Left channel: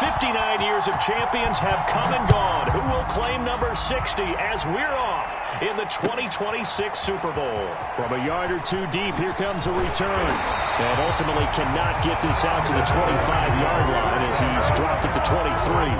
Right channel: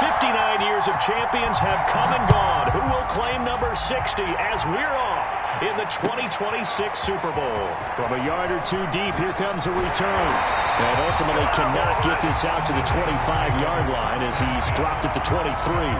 59 years of champions have come and gone. Who will claim number 60 as we're off in the 2026 Super Bowl? From a yard or two deep, here comes a return. And ultimately cannot get this out to the 25-yard line as he's dropped at the 23.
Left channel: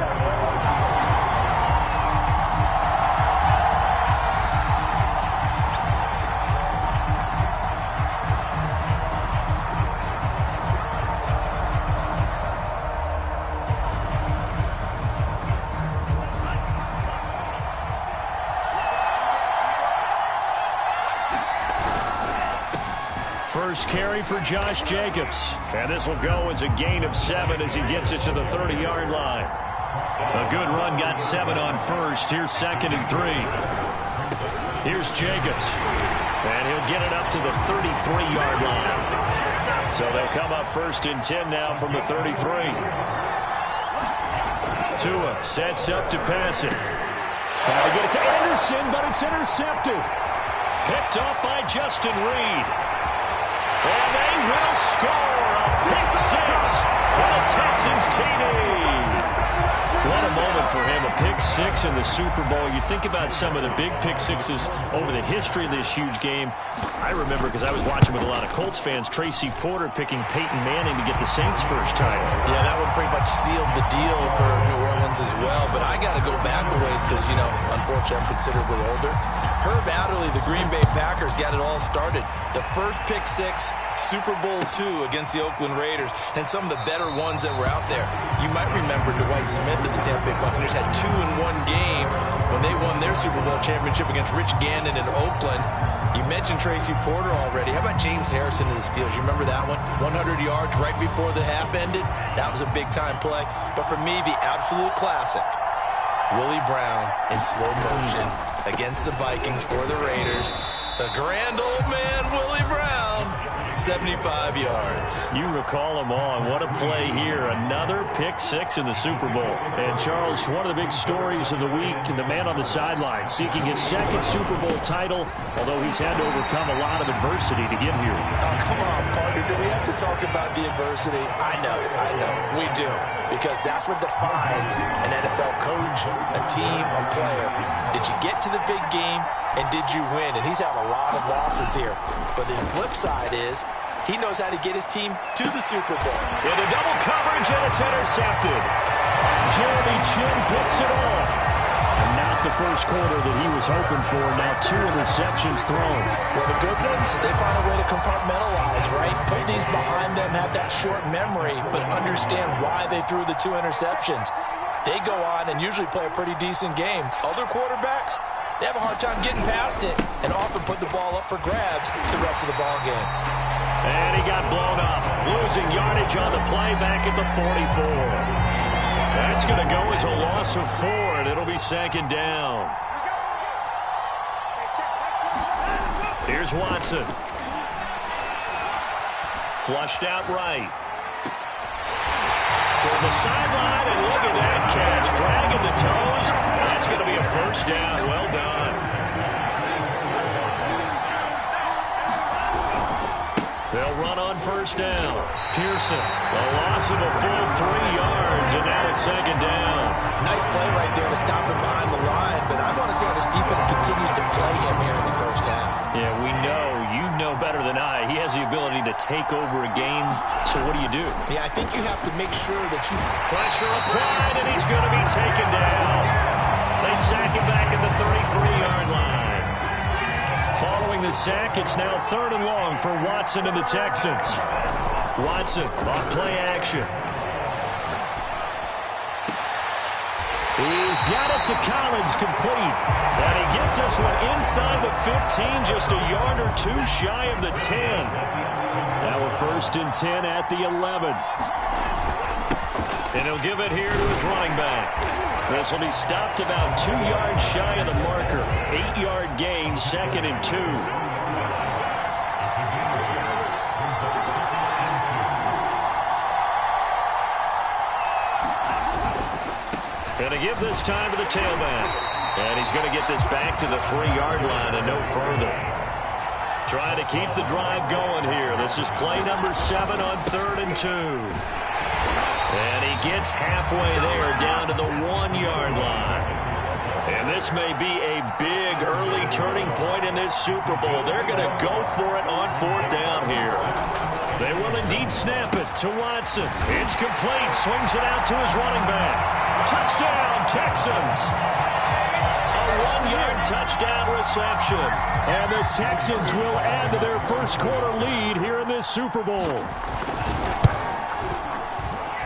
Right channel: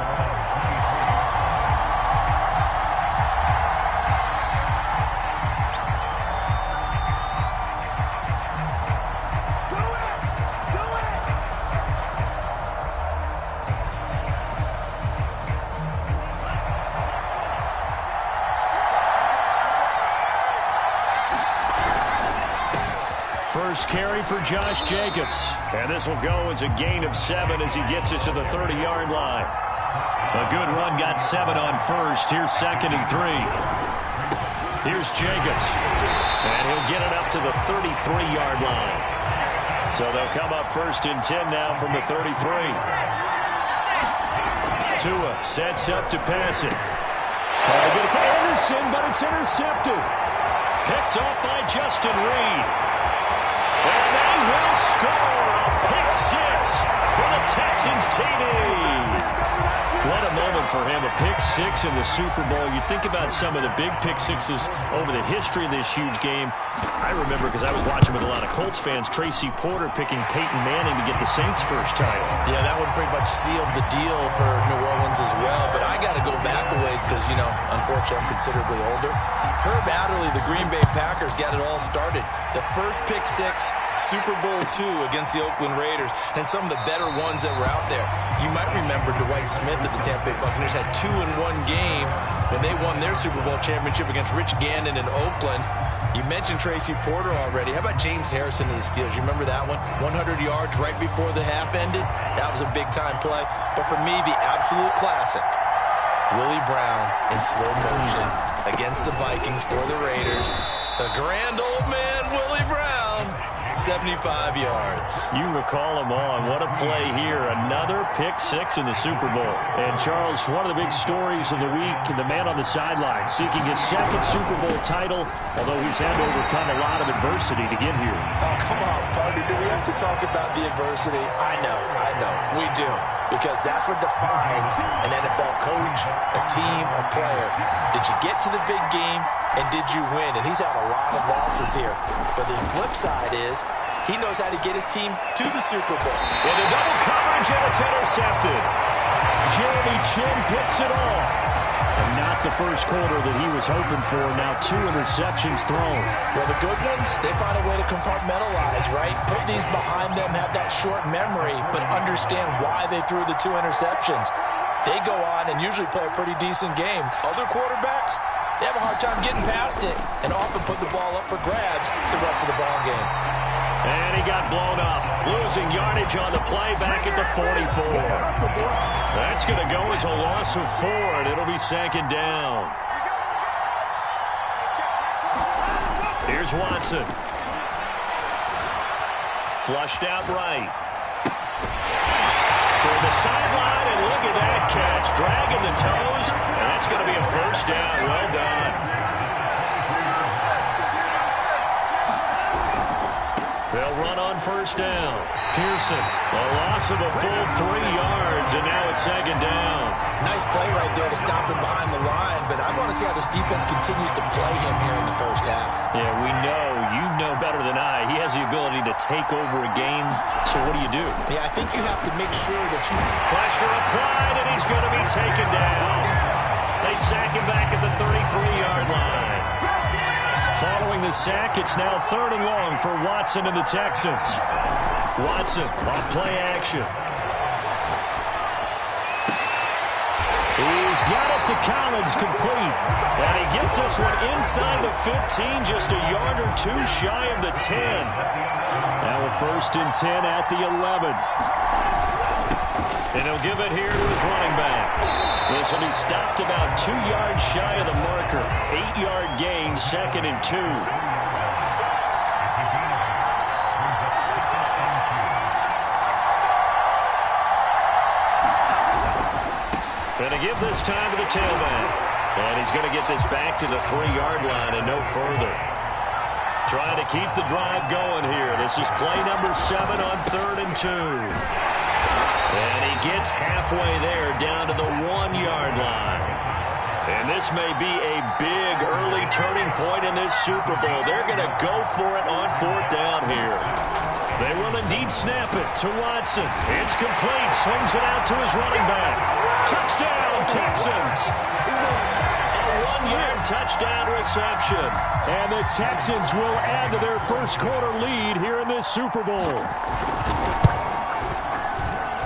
First carry for Josh Jacobs. And this will go as a gain of 7 as he gets it to the 30-yard line. A good run got 7 on first. Here's 2nd and 3. Here's Jacobs. And he'll get it up to the 33-yard line. So they'll come up 1st and 10 now from the 33. Tua sets up to pass it. Trying to get it to Anderson, but it's intercepted. Picked off by Justin Reed. And they will score a pick 6 for the Texans TD. What a moment for him, a pick 6 in the Super Bowl. You think about some of the big pick 6s over the history of this huge game. I remember, because I was watching with a lot of Colts fans, Tracy Porter picking Peyton Manning to get the Saints' first title. Yeah, that one pretty much sealed the deal for New Orleans as well. But I got to go back a ways because, you know, unfortunately I'm considerably older. Herb Adderley, the Green Bay Packers, got it all started. The first pick 6, Super Bowl II against the Oakland Raiders, and some of the better ones that were out there. You might remember Dwight Smith of the Tampa Bay Buccaneers had 2 in one game when they won their Super Bowl championship against Rich Gannon in Oakland. You mentioned Tracy Porter already. How about James Harrison of the Steelers? You remember that one? 100 yards right before the half ended? That was a big-time play. But for me, the absolute classic, Willie Brown in slow motion against the Vikings for the Raiders. The grand old man, Willie Brown, 75 yards. You recall them all, and what a play here. Another pick 6 in the Super Bowl. And, Charles, one of the big stories of the week, the man on the sideline seeking his 2nd Super Bowl title, although he's had to overcome a lot of adversity to get here. Oh, come on, partner. Do we have to talk about the adversity? I know. We do. Because that's what defines an NFL coach, a team, a player. Did you get to the big game, and did you win? And he's had a lot of losses here. But the flip side is he knows how to get his team to the Super Bowl. Into double coverage, and it's intercepted. Jeremy Chinn picks it off. And not the first quarter that he was hoping for. Now 2 interceptions thrown. Well, the good ones, they find a way to compartmentalize, right? Put these behind them, have that short memory, but understand why they threw the 2 interceptions. They go on and usually play a pretty decent game. Other quarterbacks, they have a hard time getting past it and often put the ball up for grabs the rest of the ball game. And he got blown up, losing yardage on the play back at the 44. That's going to go as a loss of 4, and it'll be 2nd down. Here's Watson. Flushed out right. Toward the sideline, and look at that catch. Dragging the toes, and that's going to be a 1st down. Well done. They'll run on 1st down. Pearson, a loss of a full 3 yards, and now it's 2nd down. Nice play right there to stop him behind the line, but I want to see how this defense continues to play him here in the first half. Yeah, we know. You know better than I. He has the ability to take over a game, so what do you do? Yeah, I think you have to make sure that you... Pressure applied, and he's going to be taken down. They sack him back at the 33-yard line. Following the sack, it's now 3rd and long for Watson and the Texans. Watson off play action. He's got it to Collins, complete. And he gets this one inside the 15, just a yard or 2 shy of the 10. Now a 1st and 10 at the 11. And he'll give it here to his running back. This will be stopped about 2 yards shy of the marker. 8-yard gain, 2nd and 2. Going to give this time to the tailback. And he's going to get this back to the 3-yard line and no further. Trying to keep the drive going here. This is play number 7 on 3rd and 2. And he gets halfway there, down to the 1-yard line. And this may be a big early turning point in this Super Bowl. They're going to go for it on 4th down here. They will indeed snap it to Watson. It's complete. Swings it out to his running back. Touchdown, Texans. A 1-yard touchdown reception. And the Texans will add to their first quarter lead here in this Super Bowl.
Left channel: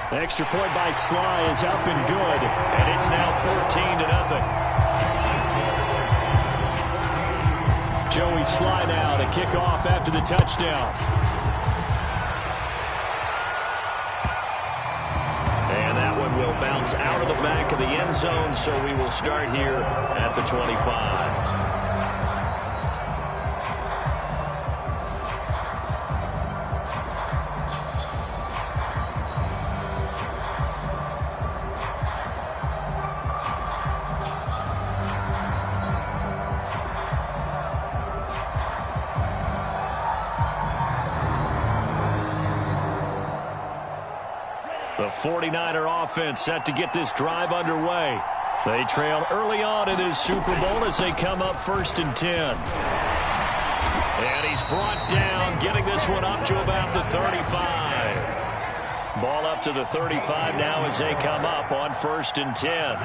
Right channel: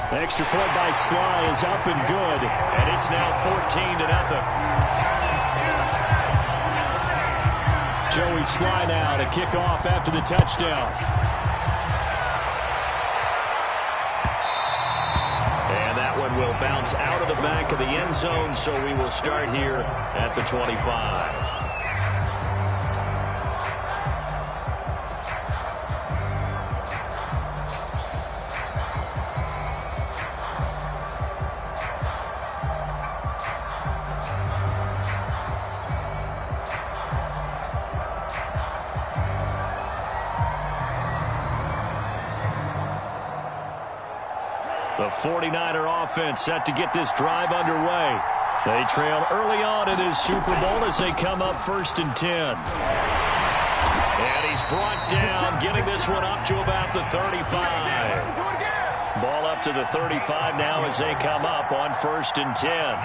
The extra point by Sly is up and good. And it's now 14-0. Joey Sly now to kick off after the touchdown. And that one will bounce out of the back of the end zone, so we will start here at the 25. The 49er offense set to get this drive underway. They trail early on in this Super Bowl as they come up 1st and 10. And he's brought down, getting this one up to about the 35. Ball up to the 35 now as they come up on 1st and 10.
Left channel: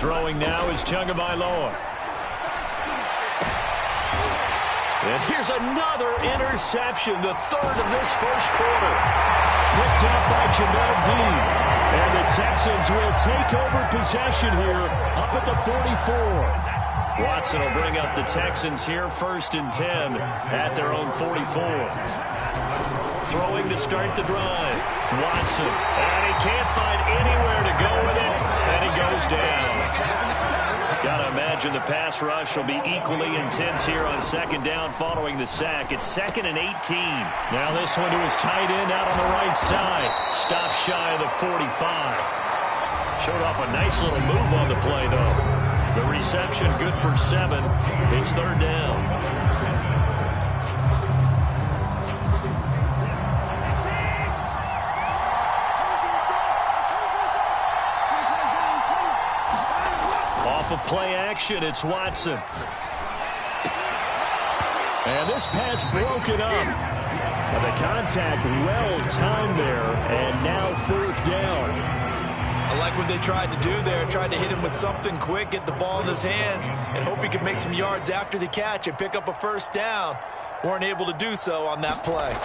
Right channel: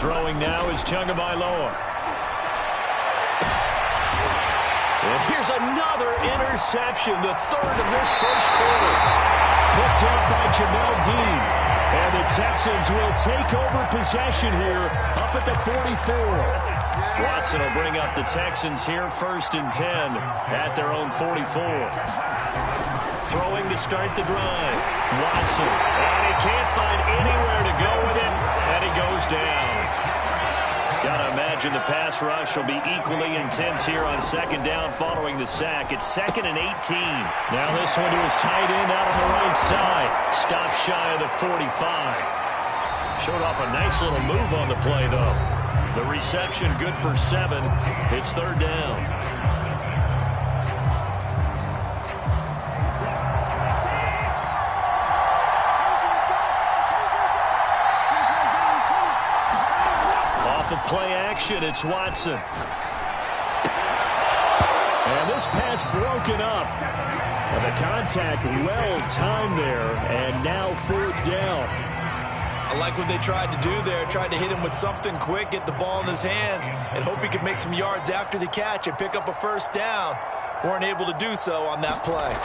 Throwing now is Tagovailoa. And here's another interception, the 3rd of this first quarter. Picked up by Jamel Dean. And the Texans will take over possession here up at the 44. Watson will bring up the Texans here 1st and 10 at their own 44. Throwing to start the drive. Watson. And he can't find anywhere to go with it. And he goes down. Got to imagine the pass rush will be equally intense here on 2nd down following the sack. It's 2nd and 18. Now this one to his tight end out on the right side. Stopped shy of the 45. Showed off a nice little move on the play, though. The reception good for 7. It's 3rd down. Off of play action, it's Watson. And this pass broken up. And the contact well timed there, and now 4th down. I like what they tried to do there. Tried to hit him with something quick, get the ball in his hands, and hope he could make some yards after the catch and pick up a 1st down. Weren't able to do so on that play.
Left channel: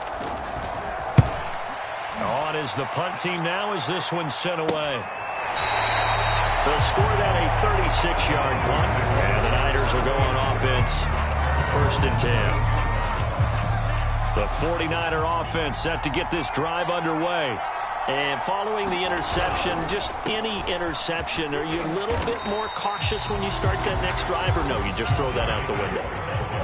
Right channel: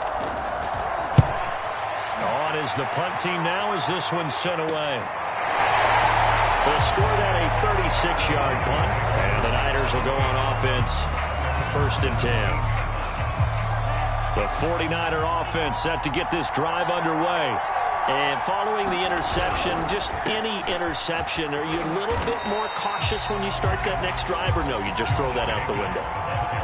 On is the punt team now as this one's sent away. They'll score that a 36-yard punt, and the Niners will go on offense 1st and 10. The 49er offense set to get this drive underway. And following the interception, just any interception, are you a little bit more cautious when you start that next drive, or no, you just throw that out the window?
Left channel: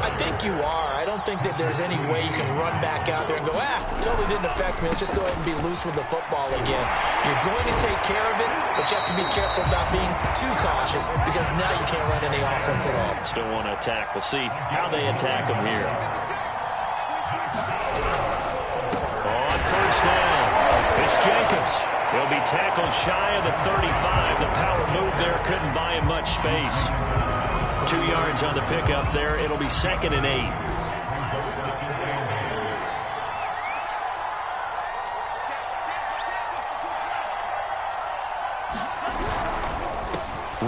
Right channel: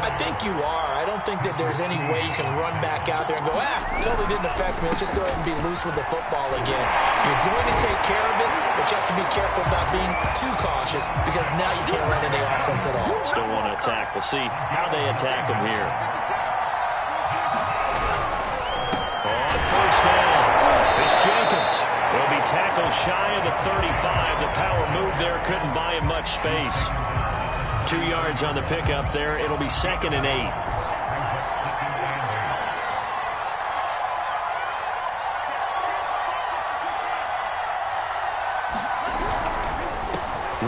I think you are. I don't think that there's any way you can run back out there and go, totally didn't affect me. Let's just go ahead and be loose with the football again. You're going to take care of it, but you have to be careful about being too cautious because now you can't run any offense at all. Still want to attack. We'll see how they attack them here. On 1st down, it's Jacobs. He'll be tackled shy of the 35. The power move there couldn't buy him much space. 2 yards on the pickup there. It'll be 2nd and 8.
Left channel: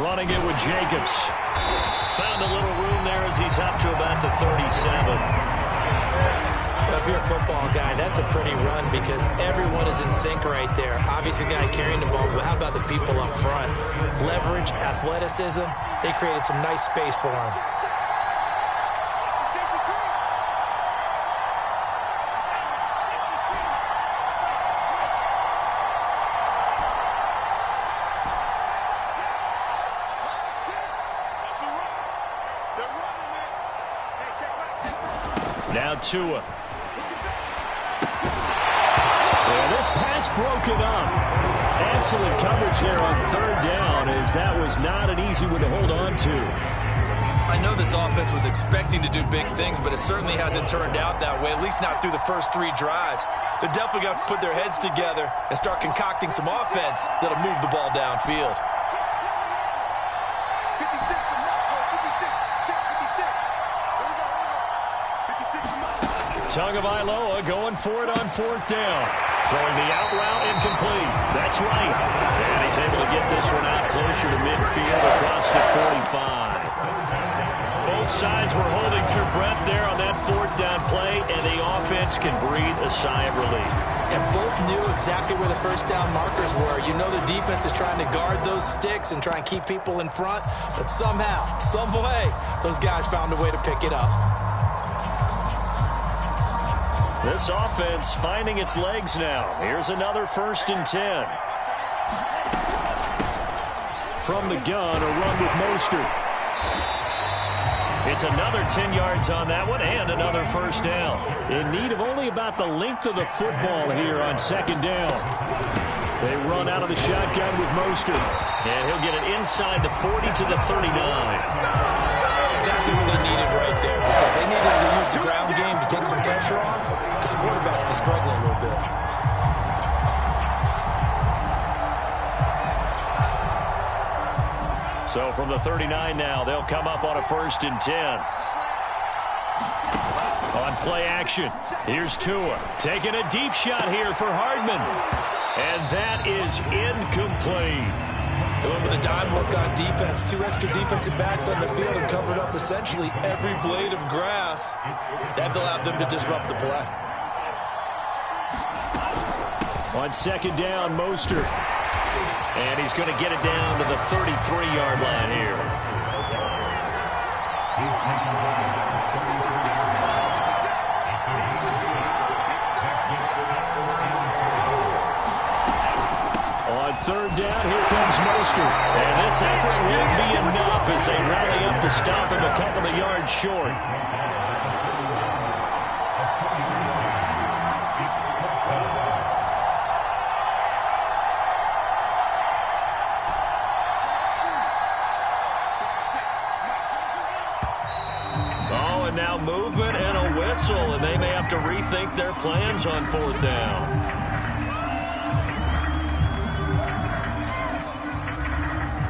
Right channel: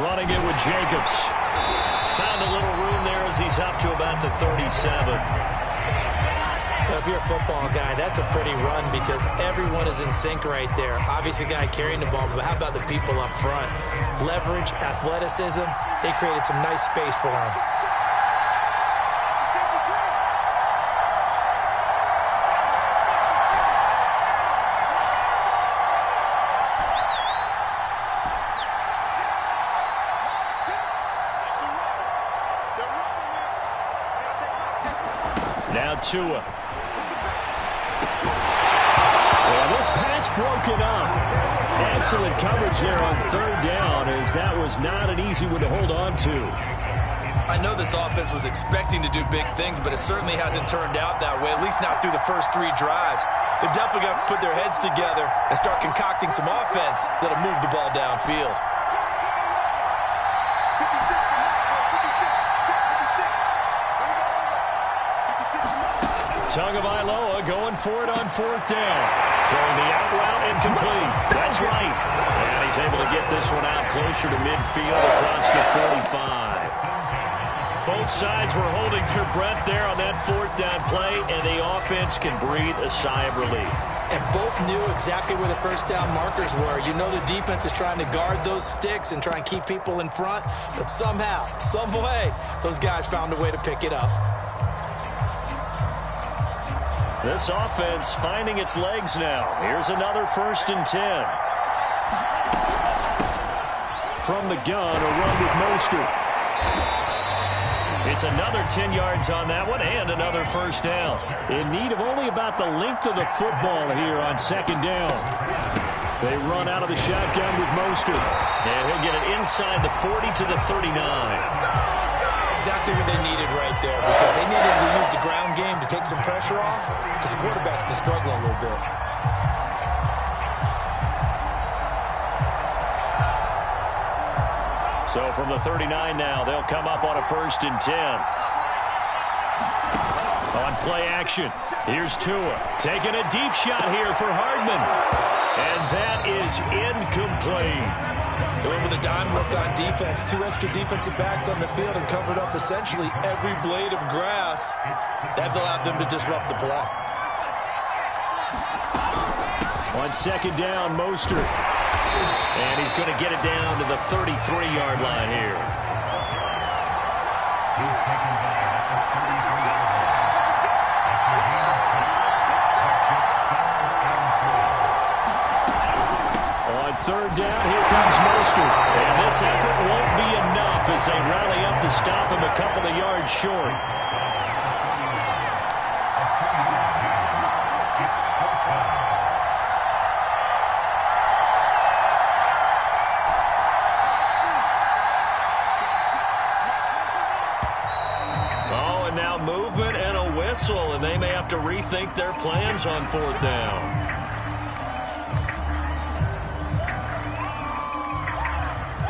Running it with Jacobs. Found a little room there as he's up to about the 37. If you're a football guy, that's a pretty run because everyone is in sync right there. Obviously, the guy carrying the ball, but how about the people up front? Leverage, athleticism, they created some nice space for him. Now Tua. this pass broken up. Excellent coverage there on third down, as that was not an easy one to hold on to. I know this offense was expecting to do big things, but it certainly hasn't turned out that way, at least not through the first 3 drives. They're definitely going to have to put their heads together and start concocting some offense that'll move the ball downfield. Tagovailoa going for it on fourth down. Throwing the out route incomplete. That's right. And he's able to get this one out closer to midfield across the 45. Both sides were holding their breath there on that fourth down play, and the offense can breathe a sigh of relief. And both knew exactly where the first down markers were. You know the defense is trying to guard those sticks and try and keep people in front, but somehow, some way, those guys found a way to pick it up. This offense finding its legs now. Here's another 1st and 10. From the gun, a run with Mostert. It's another 10 yards on that one and another first down. In need of only about the length of the football here on 2nd down. They run out of the shotgun with Mostert. And he'll get it inside the 40 to the 39. Exactly what they needed right there, because they needed to use the ground game to take some pressure off, because the quarterback's been struggling a little bit. So from the 39 now, they'll come up on a 1st and 10. On play action, here's Tua. Taking a deep shot here for Hardman. And that is incomplete. They went with a dime look on defense. 2 extra defensive backs on the field and covered up essentially every blade of grass. That allowed them to disrupt the play. On 2nd down, Mostert. And he's going to get it down to the 33-yard line here. On 3rd down, here comes Mostert. And this effort won't be enough as they rally up to stop him a couple of yards short. Oh, and now movement and a whistle, and they may have to rethink their plans on 4th down.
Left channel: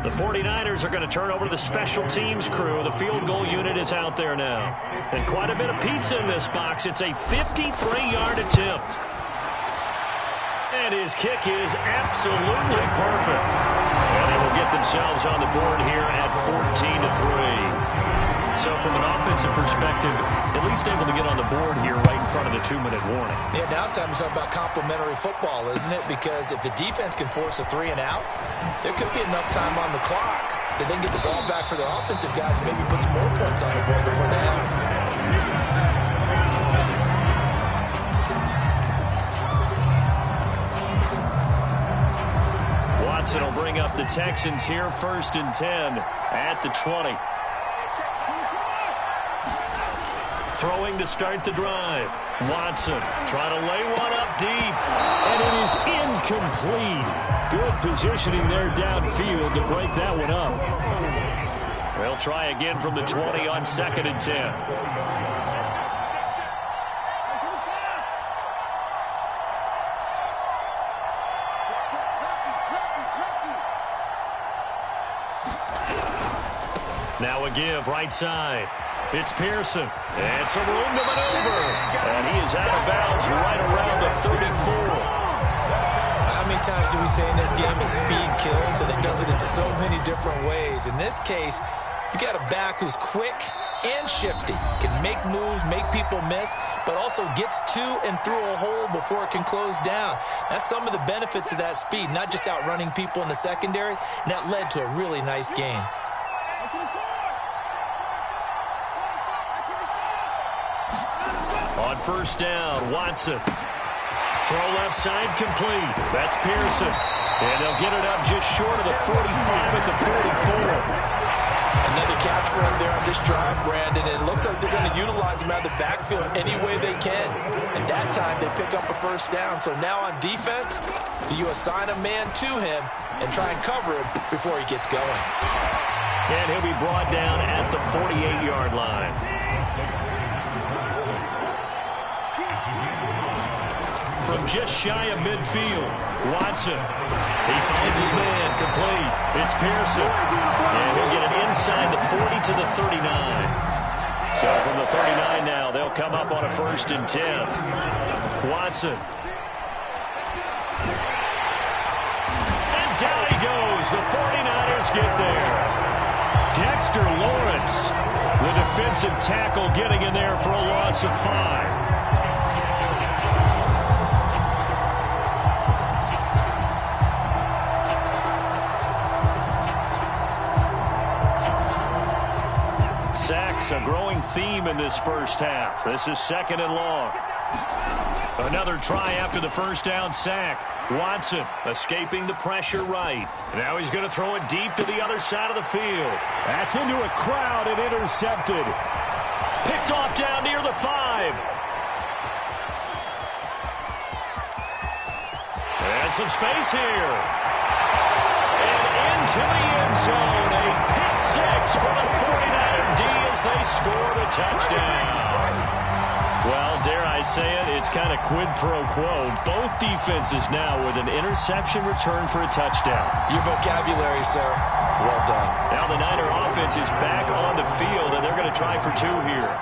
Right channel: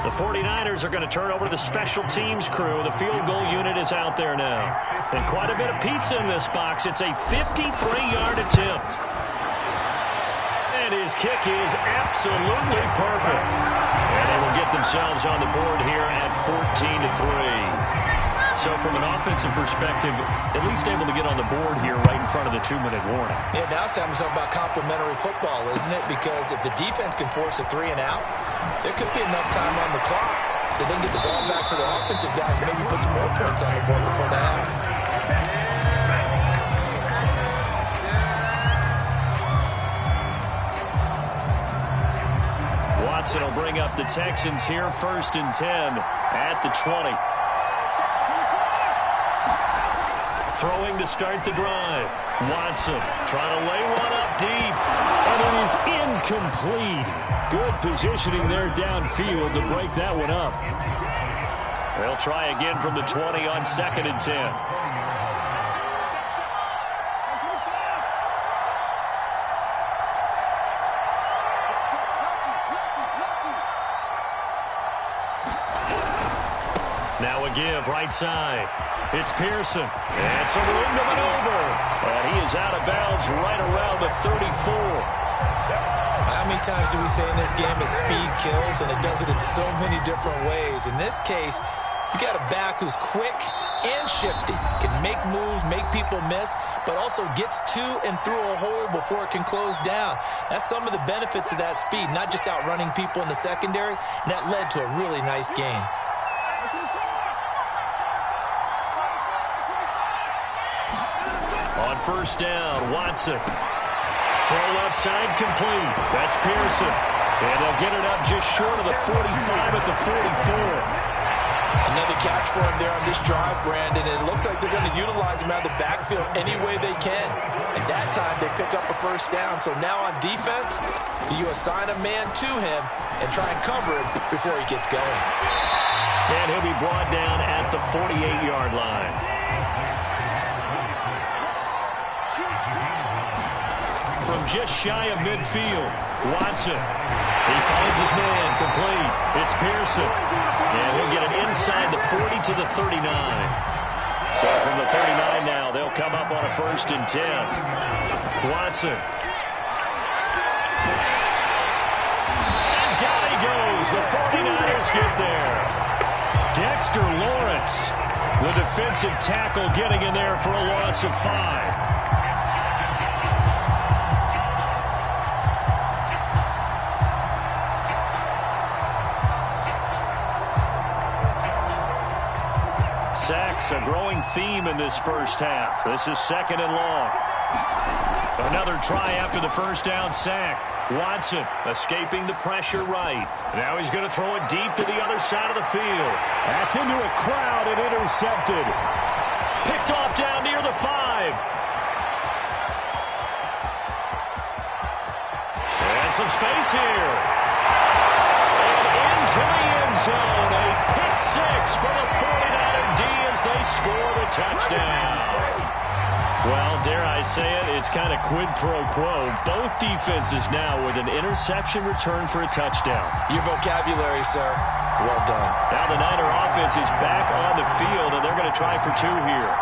The 49ers are going to turn over to the special teams crew. The field goal unit is out there now. And quite a bit of pizza in this box. It's a 53-yard attempt. And his kick is absolutely perfect. And they will get themselves on the board here at 14-3. So from an offensive perspective, at least able to get on the board here right in front of the 2-minute warning. Yeah, now it's time to talk about complementary football, isn't it? Because if the defense can force a 3 and out, there could be enough time on the clock that they can get the ball back for their offensive guys and maybe put some more points on the board before the half. Watson will bring up the Texans here, 1st and 10 at the 20. Throwing to start the drive. Watson trying to lay one up deep. And it is incomplete. Good positioning there downfield to break that one up. They'll try again from the 20 on 2nd and 10. Now a give right side. It's Pearson. And some room to maneuver. And he is out of bounds right around the 34. How many times do we say in this game that speed kills, and it does it in so many different ways? In this case, you got a back who's quick and shifty, can make moves, make people miss, but also gets to and through a hole before it can close down. That's some of the benefits of that speed, not just outrunning people in the secondary, and that led to a really nice game. On 1st down, Watson. Throw left side complete. That's Pearson. And they'll get it up just short of the 45 at the 44. Another catch for him there on this drive, Brandon. And it looks like they're going to utilize him out of the backfield any way they can. And that time they pick up a first down. So now on defense, do you assign a man to him and try and cover him before he gets going? And he'll be brought down at the 48-yard line. From just shy of midfield, Watson. He finds his man, complete. It's Pearson. And he'll get it inside the 40 to the 39. So from the 39 now, they'll come up on a 1st and 10. Watson. And down he goes. The 49ers get there. Dexter Lawrence, the defensive tackle, getting in there for a loss of 5. Sacks, a growing theme in this first half. This is 2nd and long. Another try after the first down sack. Watson escaping the pressure right. Now he's going to throw it deep to the other side of the field. That's into a crowd and intercepted. Picked off down near the 5. And some space here. And into the end zone. A pick 6 for the 49er D as they score the touchdown. Well, dare I say it, it's kind of quid pro quo. Both defenses now with an interception return for a touchdown. Your vocabulary, sir. Well done. Now the Niner offense is back on the field, and they're going to try for 2 here.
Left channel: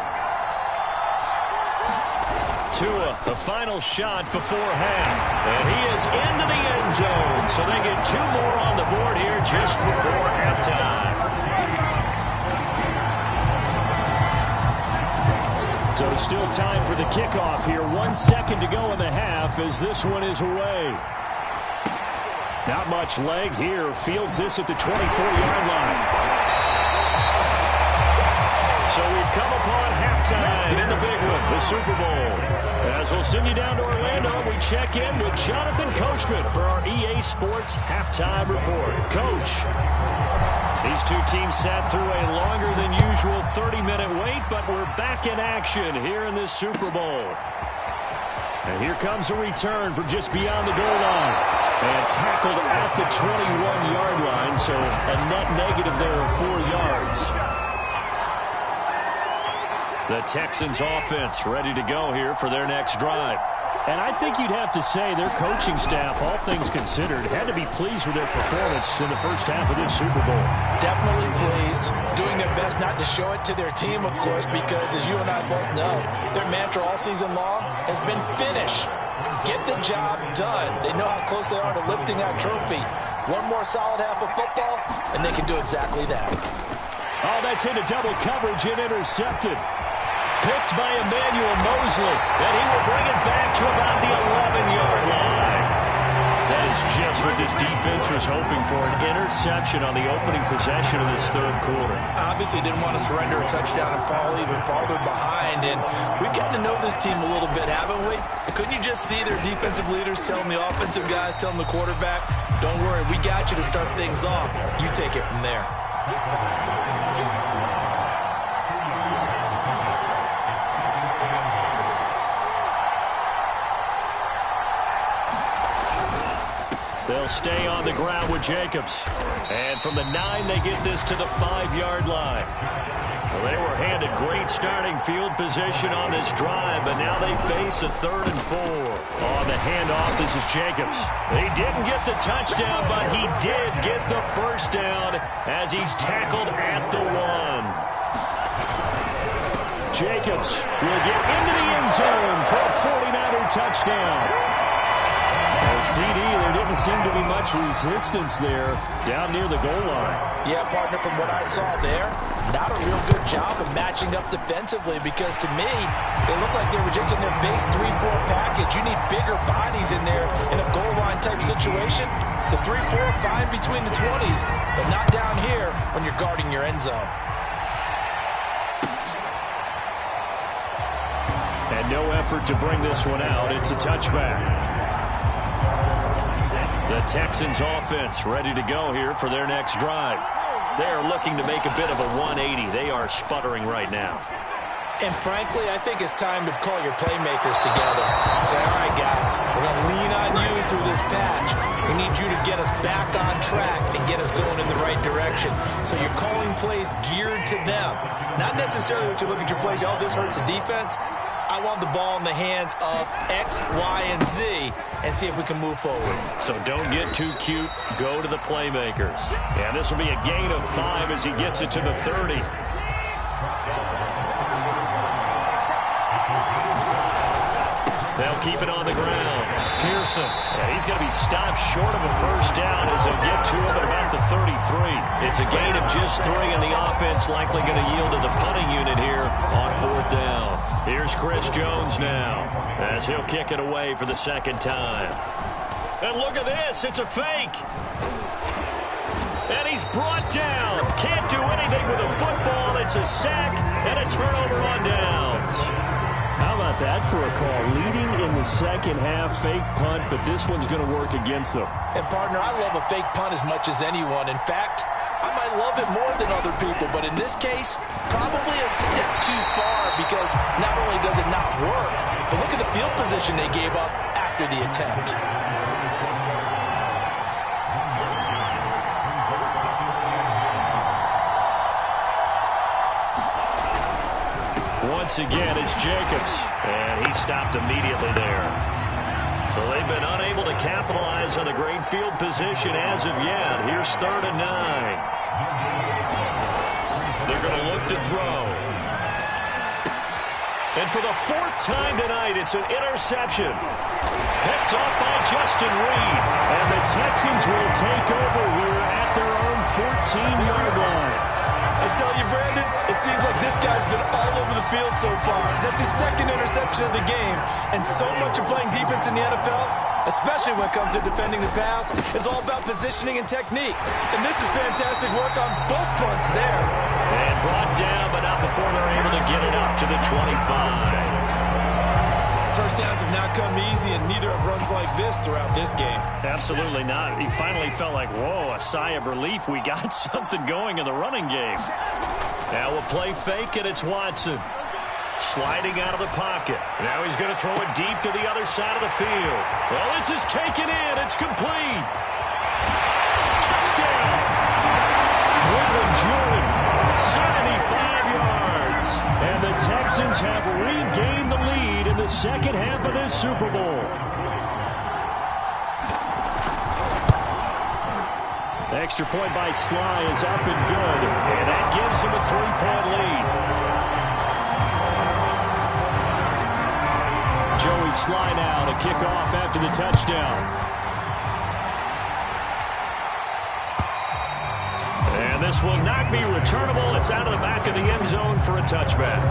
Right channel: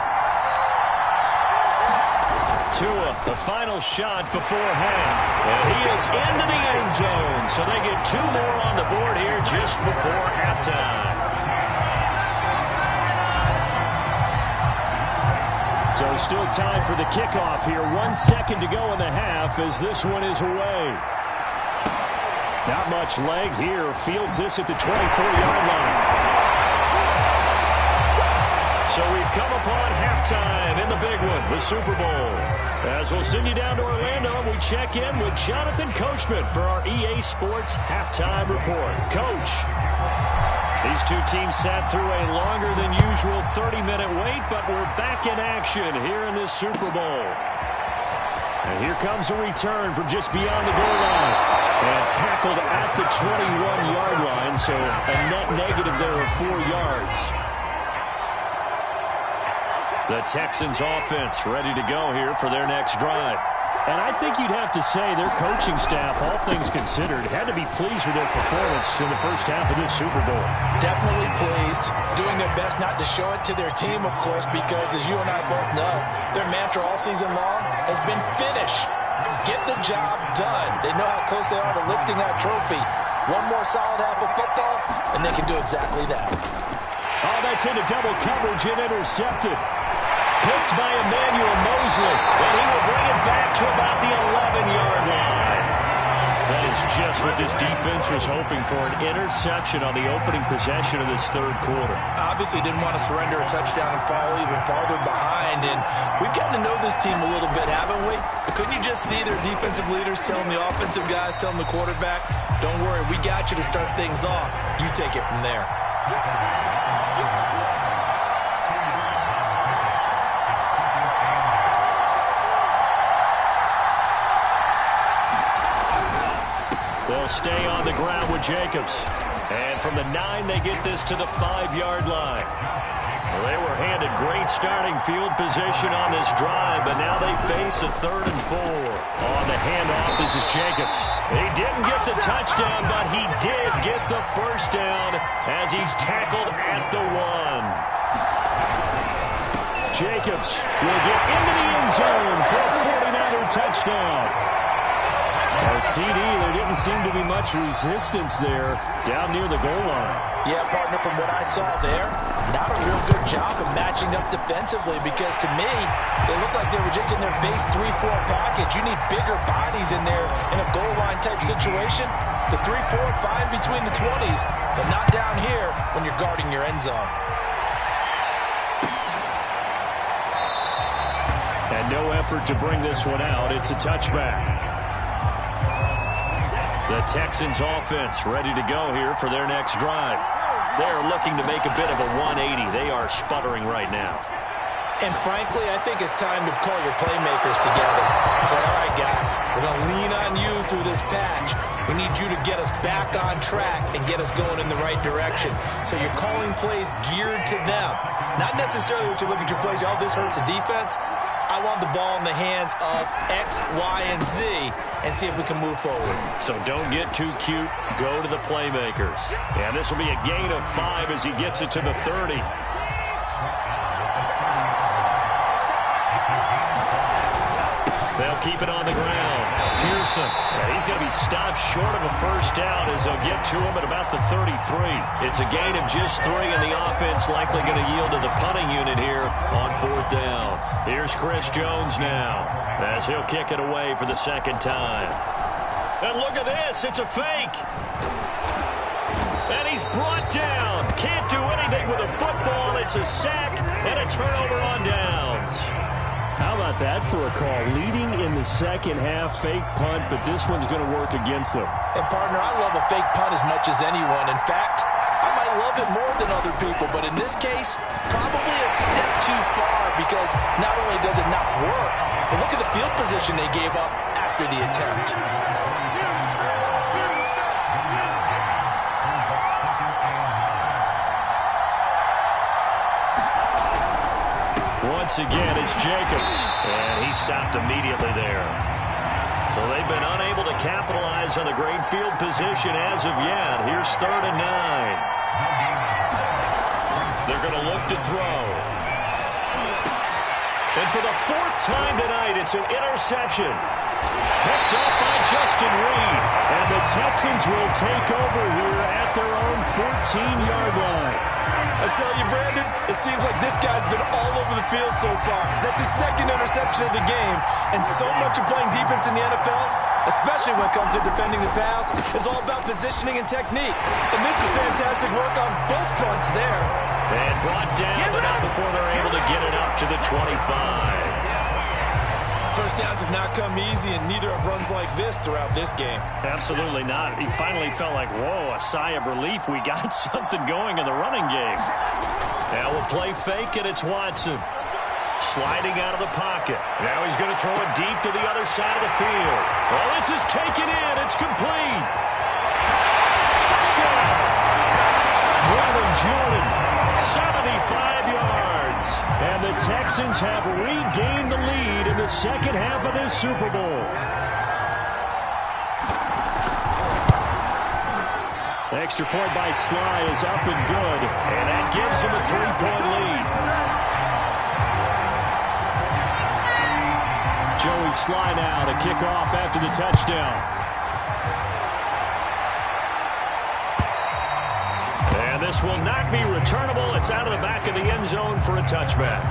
Tua, the final shot before half. And he is into the end zone, so they get 2 more on the board here just before halftime. So still time for the kickoff here. 1 second to go in the half as this one is away. Not much leg here. Fields this at the 24-yard line. So we've come upon halftime in the big one, the Super Bowl. As we'll send you down to Orlando, we check in with Jonathan Coachman for our EA Sports Halftime Report. Coach. These two teams sat through a longer than usual 30-minute wait, but we're back in action here in this Super Bowl. And here comes a return from just beyond the goal line. And tackled at the 21-yard line, so a net negative there of 4 yards. The Texans offense ready to go here for their next drive. And I think you'd have to say their coaching staff, all things considered, had to be pleased with their performance in the first half of this Super Bowl. Definitely pleased. Doing their best not to show it to their team, of course, because as you and I both know, their mantra all season long has been finish. Get the job done. They know how close they are to lifting that trophy. One more solid half of football, and they can do exactly that. Oh, that's into double coverage and intercepted. Picked by Emmanuel Mosley, and he will bring it back to about the 11-yard line. That is just what this defense was hoping for, an interception on the opening possession of this third quarter. Obviously didn't want to surrender a touchdown and fall even farther behind, and we've gotten to know this team a little bit, haven't we? Couldn't you just see their defensive leaders telling the offensive guys, telling the quarterback, don't worry, we got you to start things off. You take it from there. They'll stay on the ground with Jacobs. And from the 9, they get this to the 5-yard line. Well, they were handed great starting field position on this drive, but now they face a 3rd and 4. On the handoff, this is Jacobs. He didn't get the touchdown, but he did get the first down as he's tackled at the 1. Jacobs will get into the end zone for a 49er touchdown. Well, CD, there didn't seem to be much resistance there down near the goal line. Yeah, partner, from what I saw there, not a real good job of matching up defensively because to me, they look like they were just in their base 3-4 package. You need bigger bodies in there in a goal line type situation. The 3-4 fine between the 20s, but not down here when you're guarding your end zone. And no effort to bring this one out. It's a touchback. The Texans offense ready to go here for their next drive. They're looking to make a bit of a 180. They are sputtering right now. And frankly, I think it's time to call your playmakers together and say, all right, guys, we're going to lean on you through this patch. We need you to get us back on track and get us going in the right direction. So you're calling plays geared to them. Not necessarily what you look at your plays, oh, this hurts the defense. I want the ball in the hands of X, Y, and Z and see if we can move forward. So don't get too cute. Go to the playmakers. And this will be a gain of 5 as he gets it to the 30. They'll keep it on the ground. Pearson, and he's going to be stopped short of a first down as they'll get to him at about the 33. It's a gain of just 3, and the offense likely going to yield to the punting unit here on 4th down. Here's Chris Jones now as he'll kick it away for the second time. And look at this. It's a fake. And he's brought down. Can't do anything with a football. It's a sack and a turnover on downs. How about that for a call? Leading in the second half, fake punt, but this one's going to work against them. And, partner, I love a fake punt as much as anyone. In fact, I might love it more than other people, but in this case, probably a step too far because not only does it not work, but look at the field position they gave up after the attempt. Once again, it's Jacobs, and he stopped immediately there. So they've been unable to capitalize on the great field position as of yet. Here's 3rd and 9. They're going to look to throw. And for the 4th time tonight, it's an interception. Picked off by Justin Reed. And the Texans will take over here at their own 14-yard line. I tell you, Brandon, it seems like this guy's been all over the field so far. That's his 2nd interception of the game. And so much of playing defense in the NFL, especially when it comes to defending the pass, is all about positioning and technique. And this is fantastic work on both fronts there. And brought down, but not before they're able to get it up to the 25. First downs have not come easy, and neither have runs like this throughout this game. Absolutely not. He finally felt like, whoa, a sigh of relief. We got something going in the running game. Now we'll play fake, and it's Watson. Sliding out of the pocket. Now he's going to throw it deep to the other side of the field. Well, this is taken in. It's complete. Touchdown. Brevin Jordan, 75 yards. And the Texans have regained the lead in the second half of this Super Bowl. Extra point by Sly is up and good. And that gives him a 3-point lead. Joey Sly now to kick off after the touchdown. And this will not be returnable. It's out of the back of the end zone for a touchback.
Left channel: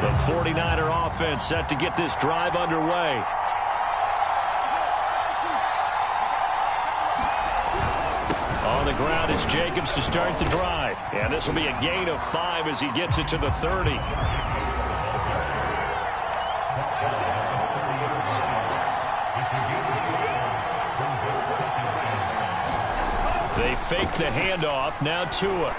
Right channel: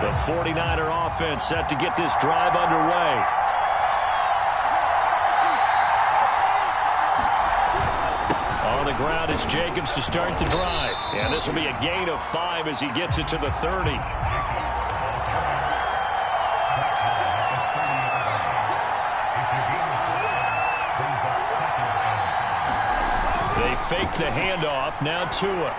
The 49er offense set to get this drive underway. On the ground, it's Jacobs to start the drive. And this will be a gain of 5 as he gets it to the 30. They fake the handoff. Now Tua.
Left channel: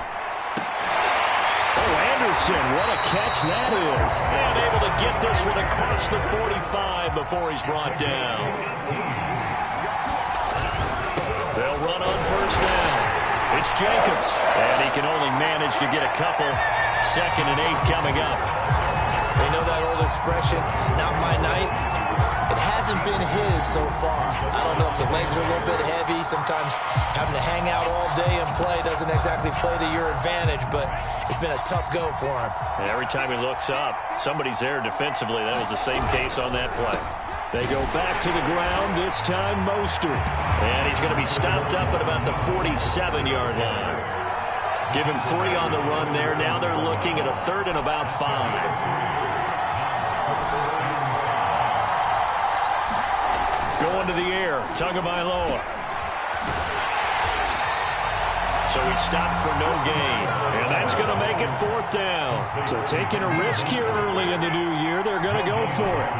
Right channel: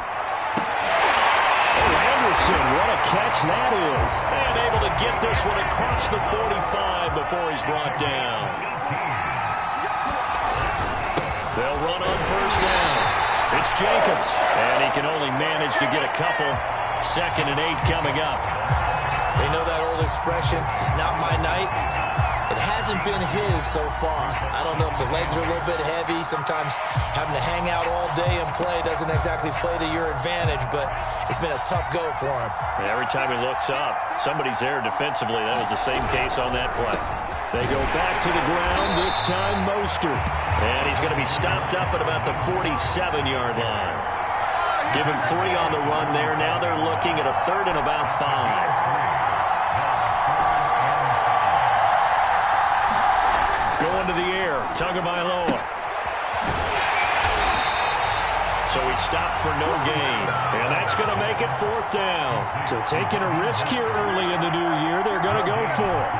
Oh, Anderson, what a catch that is. And able to get this one across the 45 before he's brought down. They'll run on first down. It's Jacobs. And he can only manage to get a couple. 2nd and 8 coming up. They know that old expression, it's not my night. It hasn't been his so far. I don't know if the legs are a little bit heavy. Sometimes having to hang out all day and play doesn't exactly play to your advantage, but it's been a tough go for him. And every time he looks up, somebody's there defensively. That was the same case on that play. They go back to the ground, this time Mostert. And he's going to be stopped up at about the 47-yard line. Give him 3 on the run there. Now they're looking at a 3rd and about 5. Going to the air, Tagovailoa. So he stopped for no gain. And that's going to make it 4th down. So taking a risk here early in the new year, they're going to go for it.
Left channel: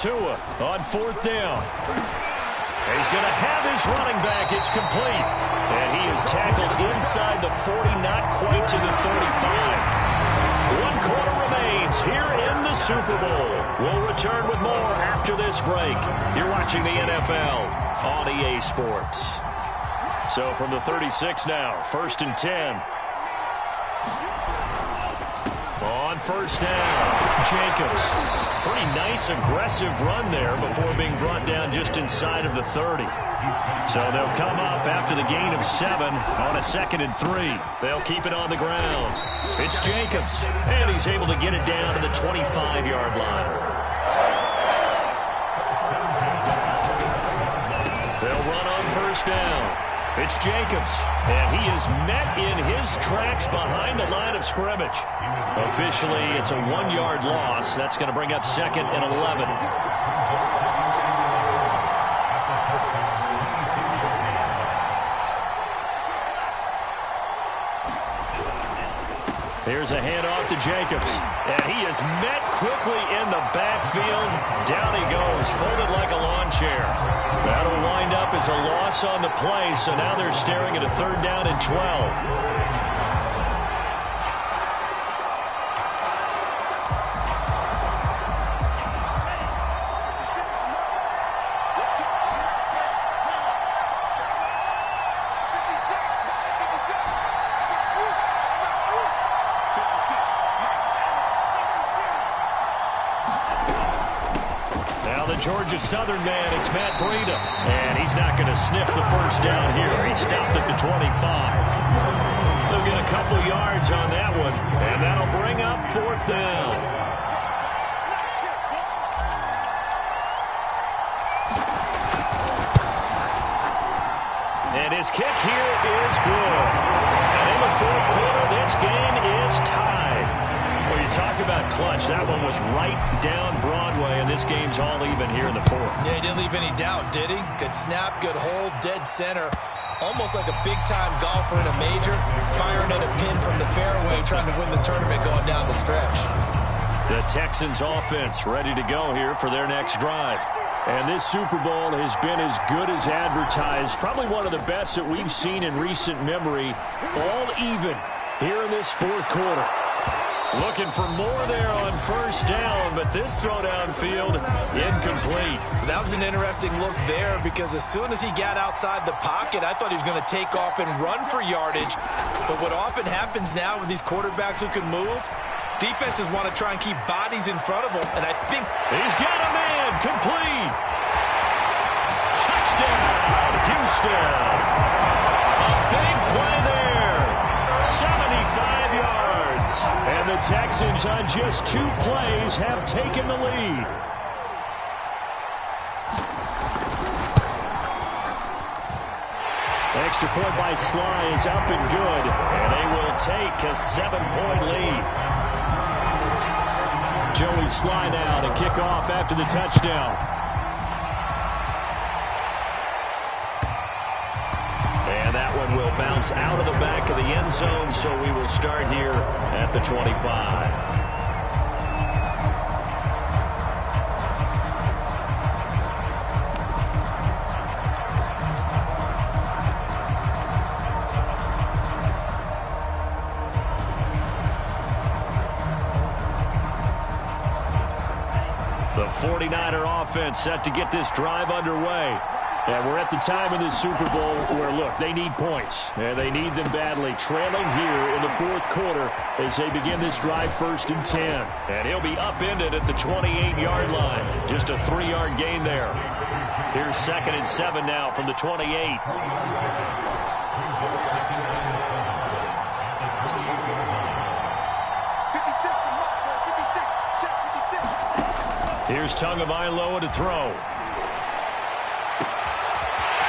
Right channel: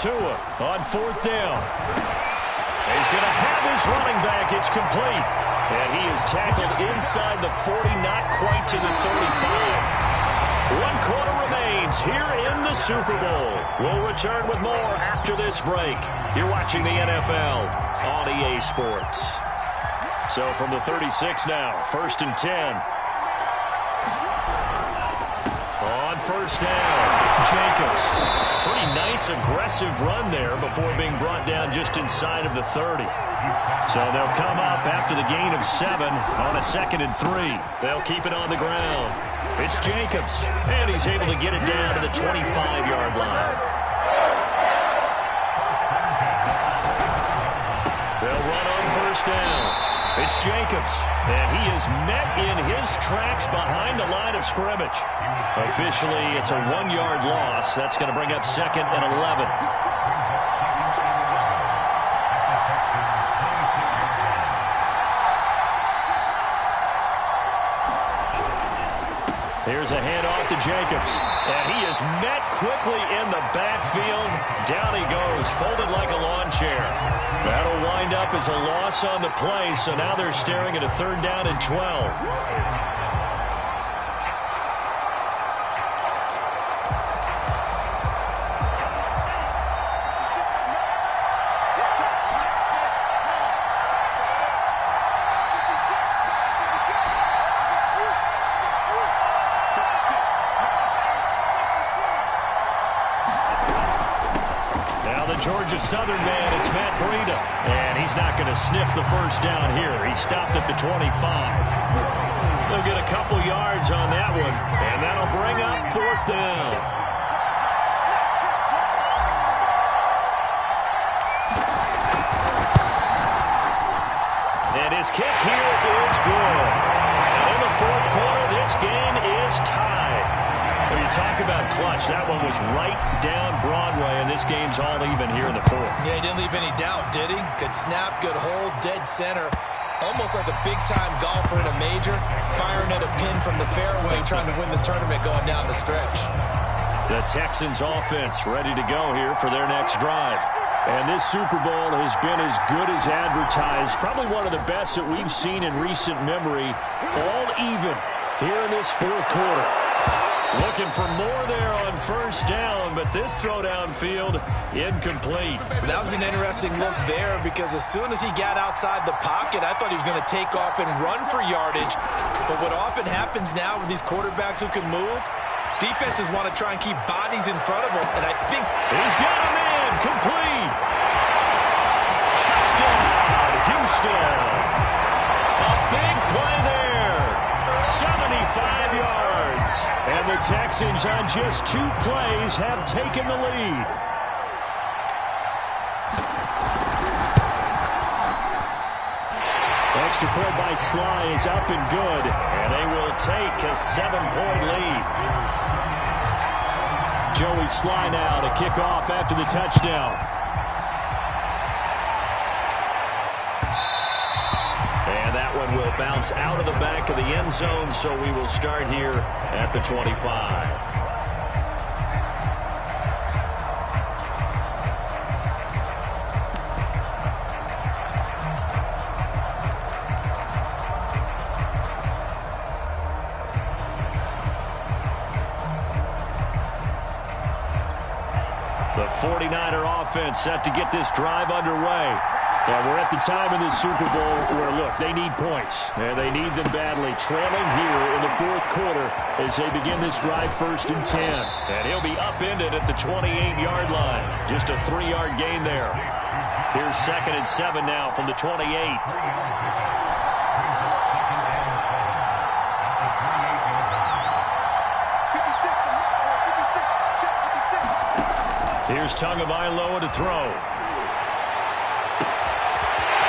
Tua on 4th down. He's going to have his running back. It's complete. And he is tackled inside the 40, not quite to the 35. 1 quarter remains here in the Super Bowl. We'll return with more after this break. You're watching the NFL on EA Sports. So from the 36 now, 1st and 10. On 1st down, Jacobs. Pretty nice, aggressive run there before being brought down just inside of the 30. So they'll come up after the gain of 7 on a 2nd and 3. They'll keep it on the ground. It's Jacobs, and he's able to get it down to the 25-yard line. They'll run on 1st down. It's Jacobs, and he is met in his tracks behind the line of scrimmage. Officially, it's a 1-yard loss. That's going to bring up 2nd and 11. Here's a handoff to Jacobs, and he is met quickly in the backfield. Down he goes, folded like a lawn chair. That'll wind up as a loss on the play, so now they're staring at a 3rd down and 12. Georgia Southern man, it's Matt Breida. And he's not going to sniff the 1st down here. He stopped at the 25. They'll get a couple yards on that one, and that'll bring up 4th down. And his kick here is good. And in the 4th quarter, this game is tied. Well, you talk about clutch. That one was right down Broadway, and this game's all even here in the 4th. Yeah, he didn't leave any doubt, did he? Good snap, good hold, dead center. Almost like a big-time golfer in a major, firing at a pin from the fairway, trying to win the tournament going down the stretch. The Texans offense ready to go here for their next drive. And this Super Bowl has been as good as advertised. Probably one of the best that we've seen in recent memory. All even here in this 4th quarter. Looking for more there on 1st down, but this throw downfield incomplete. That was an interesting look there because as soon as he got outside the pocket, I thought he was going to take off and run for yardage. But what often happens now with these quarterbacks who can move, defenses want to try and keep bodies in front of them, and I think he's got a man complete. Touchdown, Houston. A big play there. 75 yards. And the Texans on just 2 plays have taken the lead. Extra point by Sly is up and good. And they will take a 7-point lead. Joey Sly now to kick off after the touchdown. And that one will bounce out of the back of the end zone, so we will start here at the 25. The 49er offense set to get this drive underway. And we're at the time in this Super Bowl where, look, they need points. And they need them badly. Trailing here in the 4th quarter as they begin this drive 1st and 10. And he'll be upended at the 28-yard line. Just a 3-yard gain there. Here's 2nd and 7 now from the 28. Here's Tagovailoa to throw.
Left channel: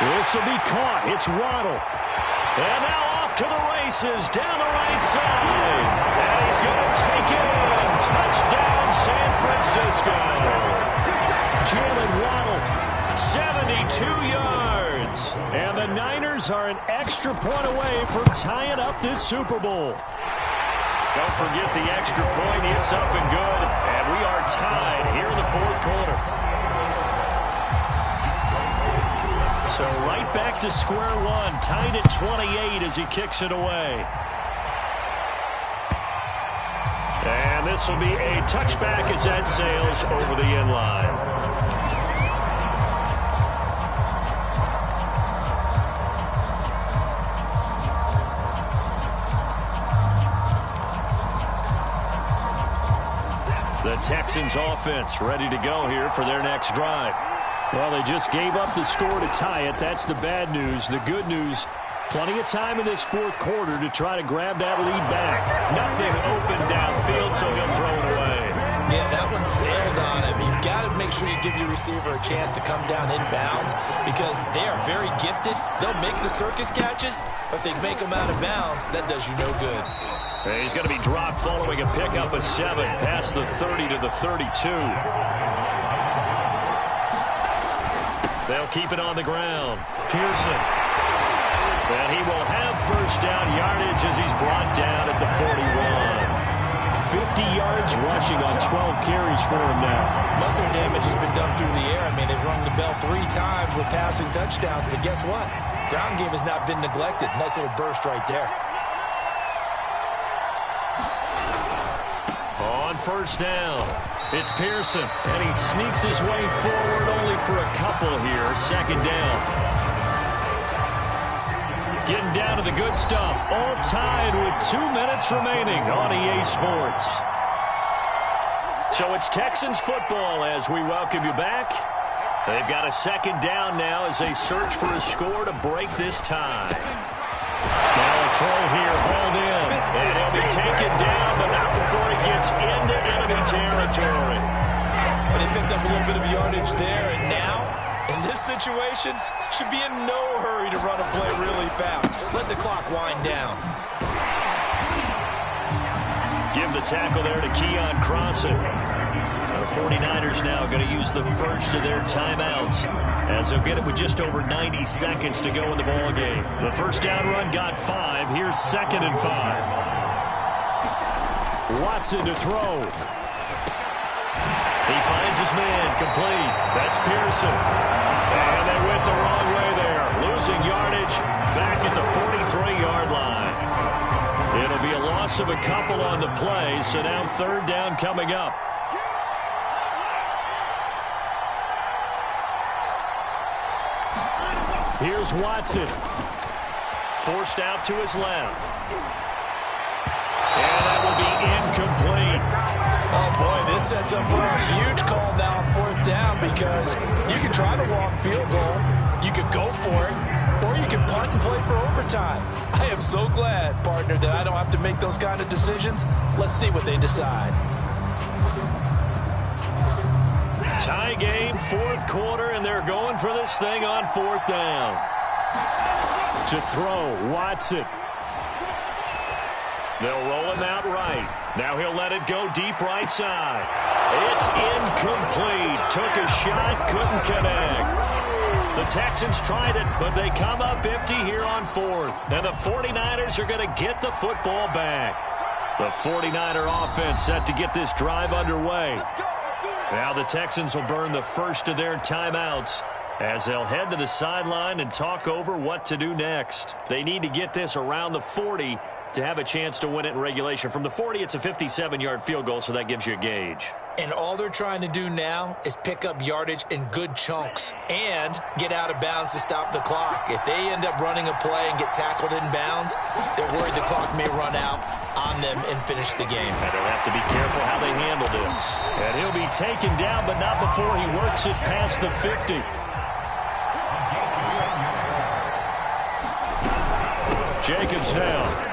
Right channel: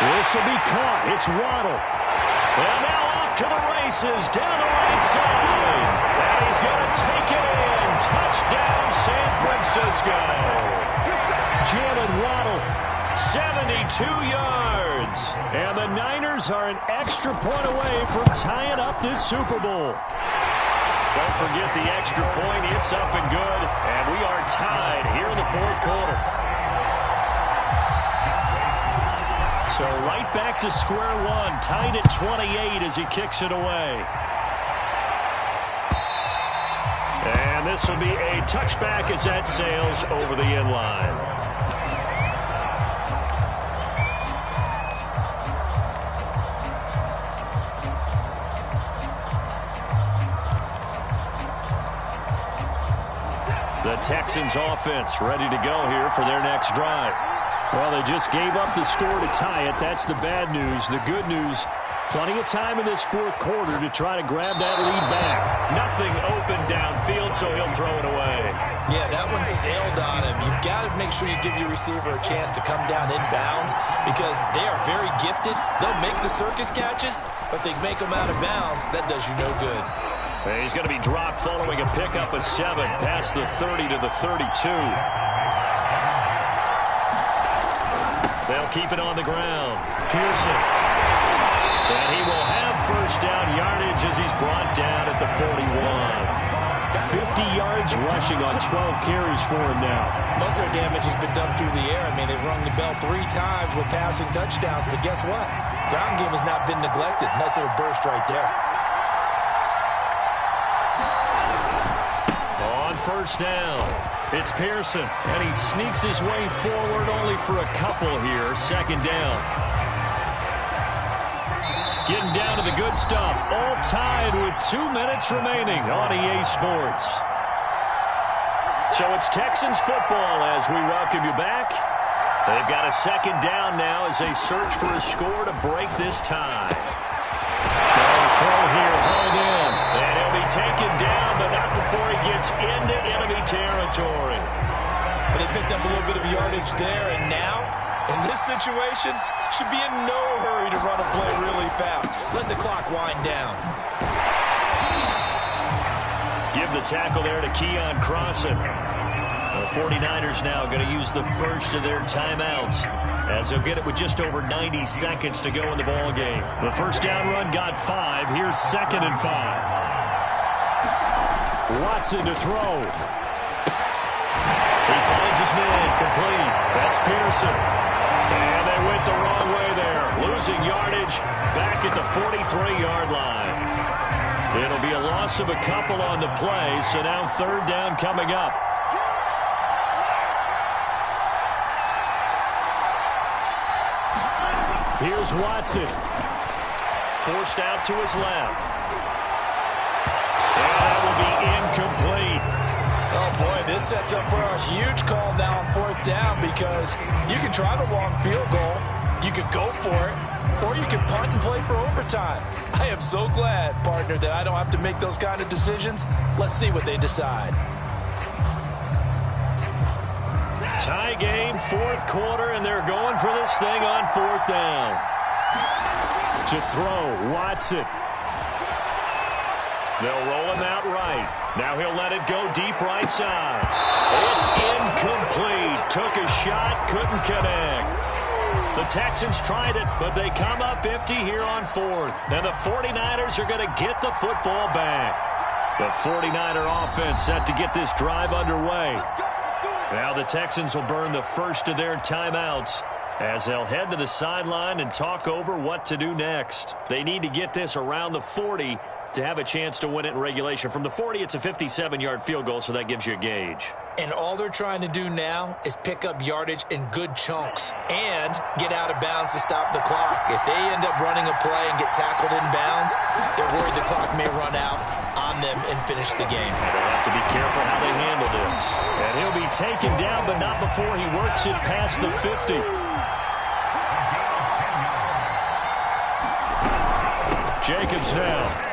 This will be caught. It's Waddle. And now off to the races down the right side. And he's going to take it in. Touchdown, San Francisco. Jalen Waddle, 72 yards. And the Niners are an extra point away from tying up this Super Bowl. Don't forget the extra point. It's up and good. And we are tied here in the fourth quarter. So right back to square one. Tied at 28 as he kicks it away. And this will be a touchback as that sails over the end line. The Texans offense ready to go here for their next drive. Well, they just gave up the score to tie it. That's the bad news. The good news, plenty of time in this fourth quarter to try to grab that lead back. Nothing open downfield, so he'll throw it away. Yeah, that one sailed on him. You've got to make sure you give your receiver a chance to come down inbounds because they are very gifted. They'll make the circus catches, but they make them out of bounds. That does you no good. He's going to be dropped following a pickup of 7 past the 30 to the 32. They'll keep it on the ground. Pearson. And he will have first down yardage as he's brought down at the 41. 50 yards rushing on 12 carries for him now. Most of their damage has been done through the air. I mean, they've rung the bell 3 times with passing touchdowns, but guess what? Ground game has not been neglected. Nice little burst right there. On first down, it's Pearson, and he sneaks his way forward only for a couple here. Second down. Getting down to the good stuff. All tied with 2 minutes remaining on EA Sports. So it's Texans football as we welcome you back. They've got a second down now as they search for a score to break this tie. Now a throw here, hauled in. And he'll be taken down, but not before he gets into enemy territory. But they picked up a little bit of yardage there, and now, in this situation, should be in no hurry to run a play really fast. Let the clock wind down. Give the tackle there to Keon Crossan. The 49ers now going to use the first of their timeouts, as they'll get it with just over 90 seconds to go in the ball game. The first down run got 5. Here's 2nd and 5. Watson to throw. He finds his man, complete. That's Pearson. And they went the wrong way there. Losing yardage back at the 43-yard line. It'll be a loss of a couple on the play, so now 3rd down coming up. Here's Watson. Forced out to his left. And that will be incomplete. Oh, boy, this sets up for a huge call now on 4th down because you can try the long field goal, you could go for it, or you can punt and play for overtime. I am so glad, partner, that I don't have to make those kind of decisions. Let's see what they decide. Tie game, 4th quarter, and they're going for this thing on 4th down. To throw, Watson. They'll roll him out right. Now he'll let it go deep right side. It's incomplete. Took a shot, couldn't connect. The Texans tried it, but they come up empty here on 4th. And the 49ers are going to get the football back. The 49er offense set to get this drive underway. Now the Texans will burn the first of their timeouts as they'll head to the sideline and talk over what to do next. They need to get this around the 40 to have a chance to win it in regulation. From the 40, it's a 57-yard field goal, so that gives you a gauge. And all they're trying to do now is pick up yardage in good chunks and get out of bounds to stop the clock. If they end up running a play and get tackled in bounds, they're worried the clock may run out on them and finish the game. And they'll have to be careful how they handle this. And he'll be taken down, but not before he works it past the 50. Jacobs now.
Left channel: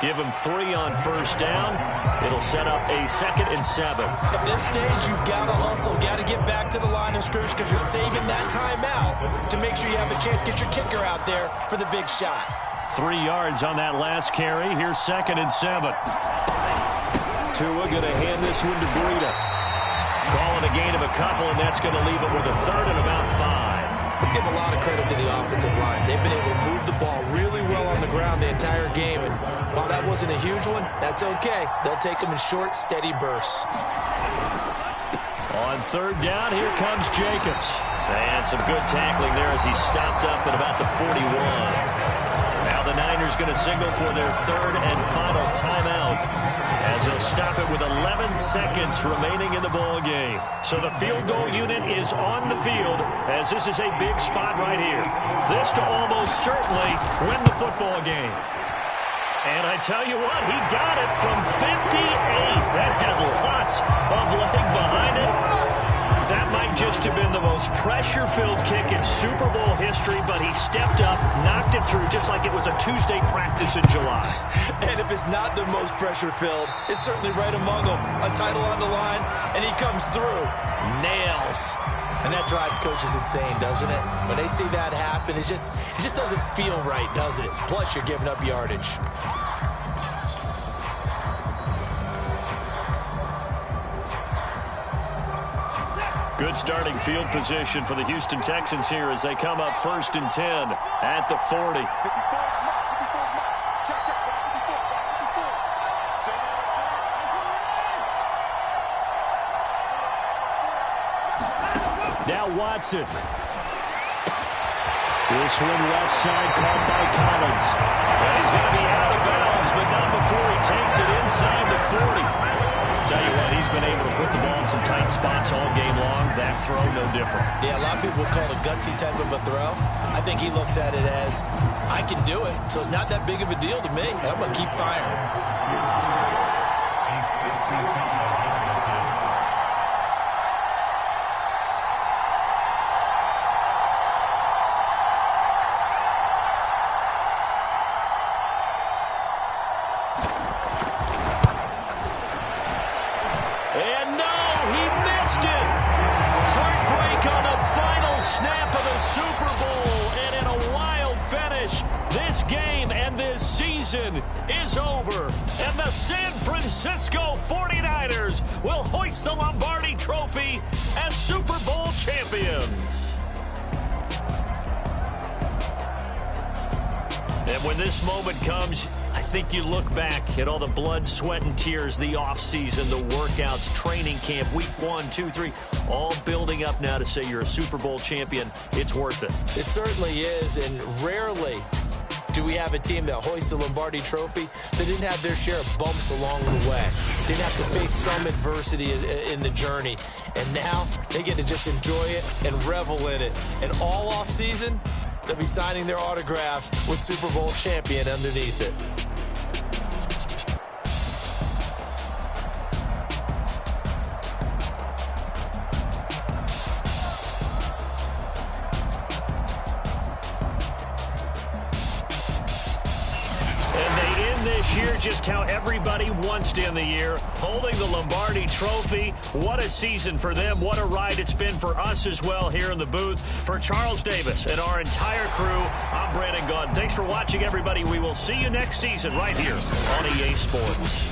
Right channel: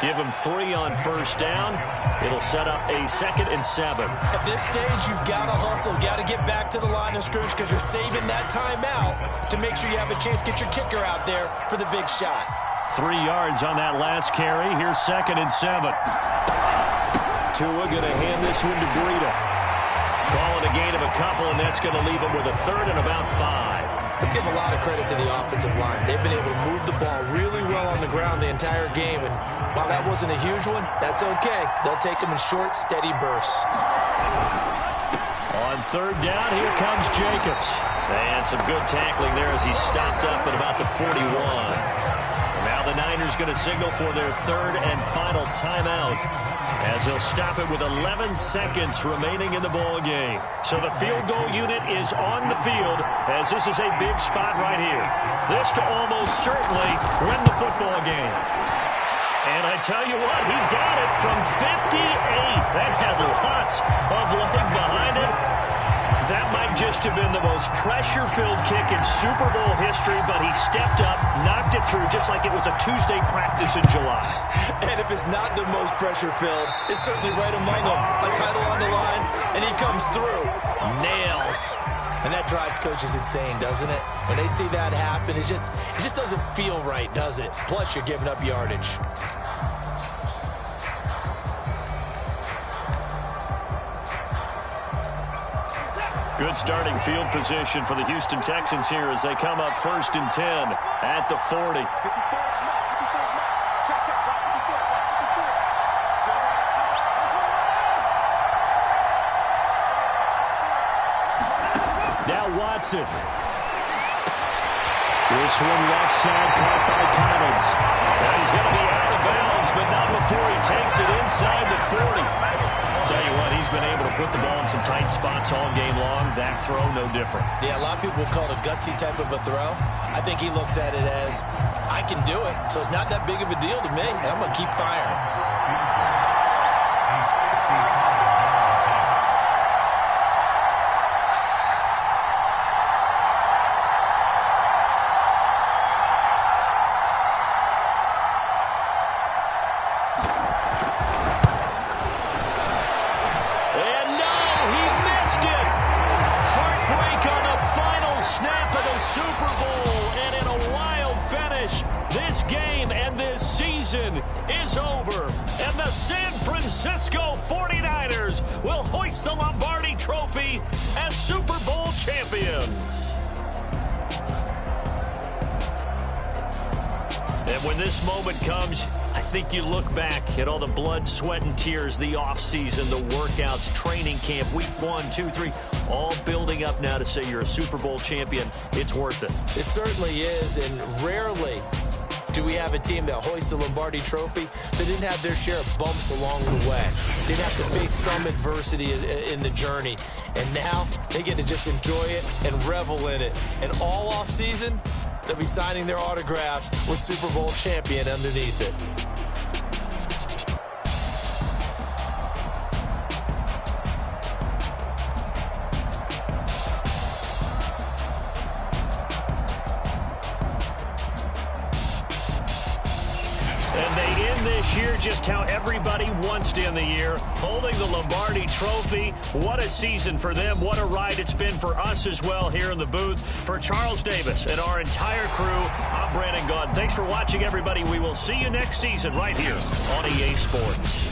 Give him 3 on first down. It'll set up a 2nd and 7. At this stage, you've got to hustle. Got to get back to the line of scrimmage because you're saving that timeout to make sure you have a chance to get your kicker out there for the big shot. 3 yards on that last carry. Here's 2nd and 7. Tua going to hand this one to Breida. Calling a gain of a couple, and that's going to leave him with a 3rd and about 5. Let's give a lot of credit to the offensive line. They've been able to move the ball really well on the ground the entire game, and while that wasn't a huge one, that's okay. They'll take them in short, steady bursts. On 3rd down, here comes Jacobs. And some good tackling there as he stopped up at about the 41. Now the Niners going to signal for their 3rd and final timeout, as they'll stop it with 11 seconds remaining in the ball game. So the field goal unit is on the field, as this is a big spot right here. This to almost certainly win the football game. And I tell you what, he got it from 58. That had lots of leg behind it. That might just have been the most pressure-filled kick in Super Bowl history, but he stepped up, knocked it through just like it was a Tuesday practice in July. And if it's not the most pressure-filled, it's certainly right among them. A title on the line, and he comes through. Nails. And that drives coaches insane, doesn't it? When they see that happen, it just doesn't feel right, does it? Plus, you're giving up yardage. Good starting field position for the Houston Texans here as they come up 1st and 10 at the 40. Now Watson. This one left side caught by Collins. Now he's going to be out of bounds, but not before he takes it inside the 40. Tell you what, he's been able to put the ball in some tight spots all game long. That throw, no different. Yeah, a lot of people would call it a gutsy type of a throw. I think he looks at it as, I can do it, so it's not that big of a deal to me, and I'm going to keep firing. And no, he missed it. Heartbreak on the final snap of the Super Bowl. And in a wild finish, this game and this season is over. And the San Francisco 49ers will hoist the Lombardi Trophy as Super Bowl champions. And when this moment comes, I think you look back at all the blood, sweat, and tears, the offseason, the workouts, training camp, week 1, 2, 3, all building up now to say you're a Super Bowl champion. It's worth it. It certainly is, and rarely do we have a team that hoists the Lombardi Trophy that didn't have their share of bumps along the way. Didn't have to face some adversity in the journey. And now they get to just enjoy it and revel in it. And all offseason, they'll be signing their autographs with Super Bowl champion underneath it. And they end this year just how everybody wants to end the year, holding the Lombardi Trophy. What a season for them. What a ride it's been for us as well here in the booth. For Charles Davis and our entire crew, I'm Brandon Gaudin. Thanks for watching, everybody. We will see you next season right here on EA Sports.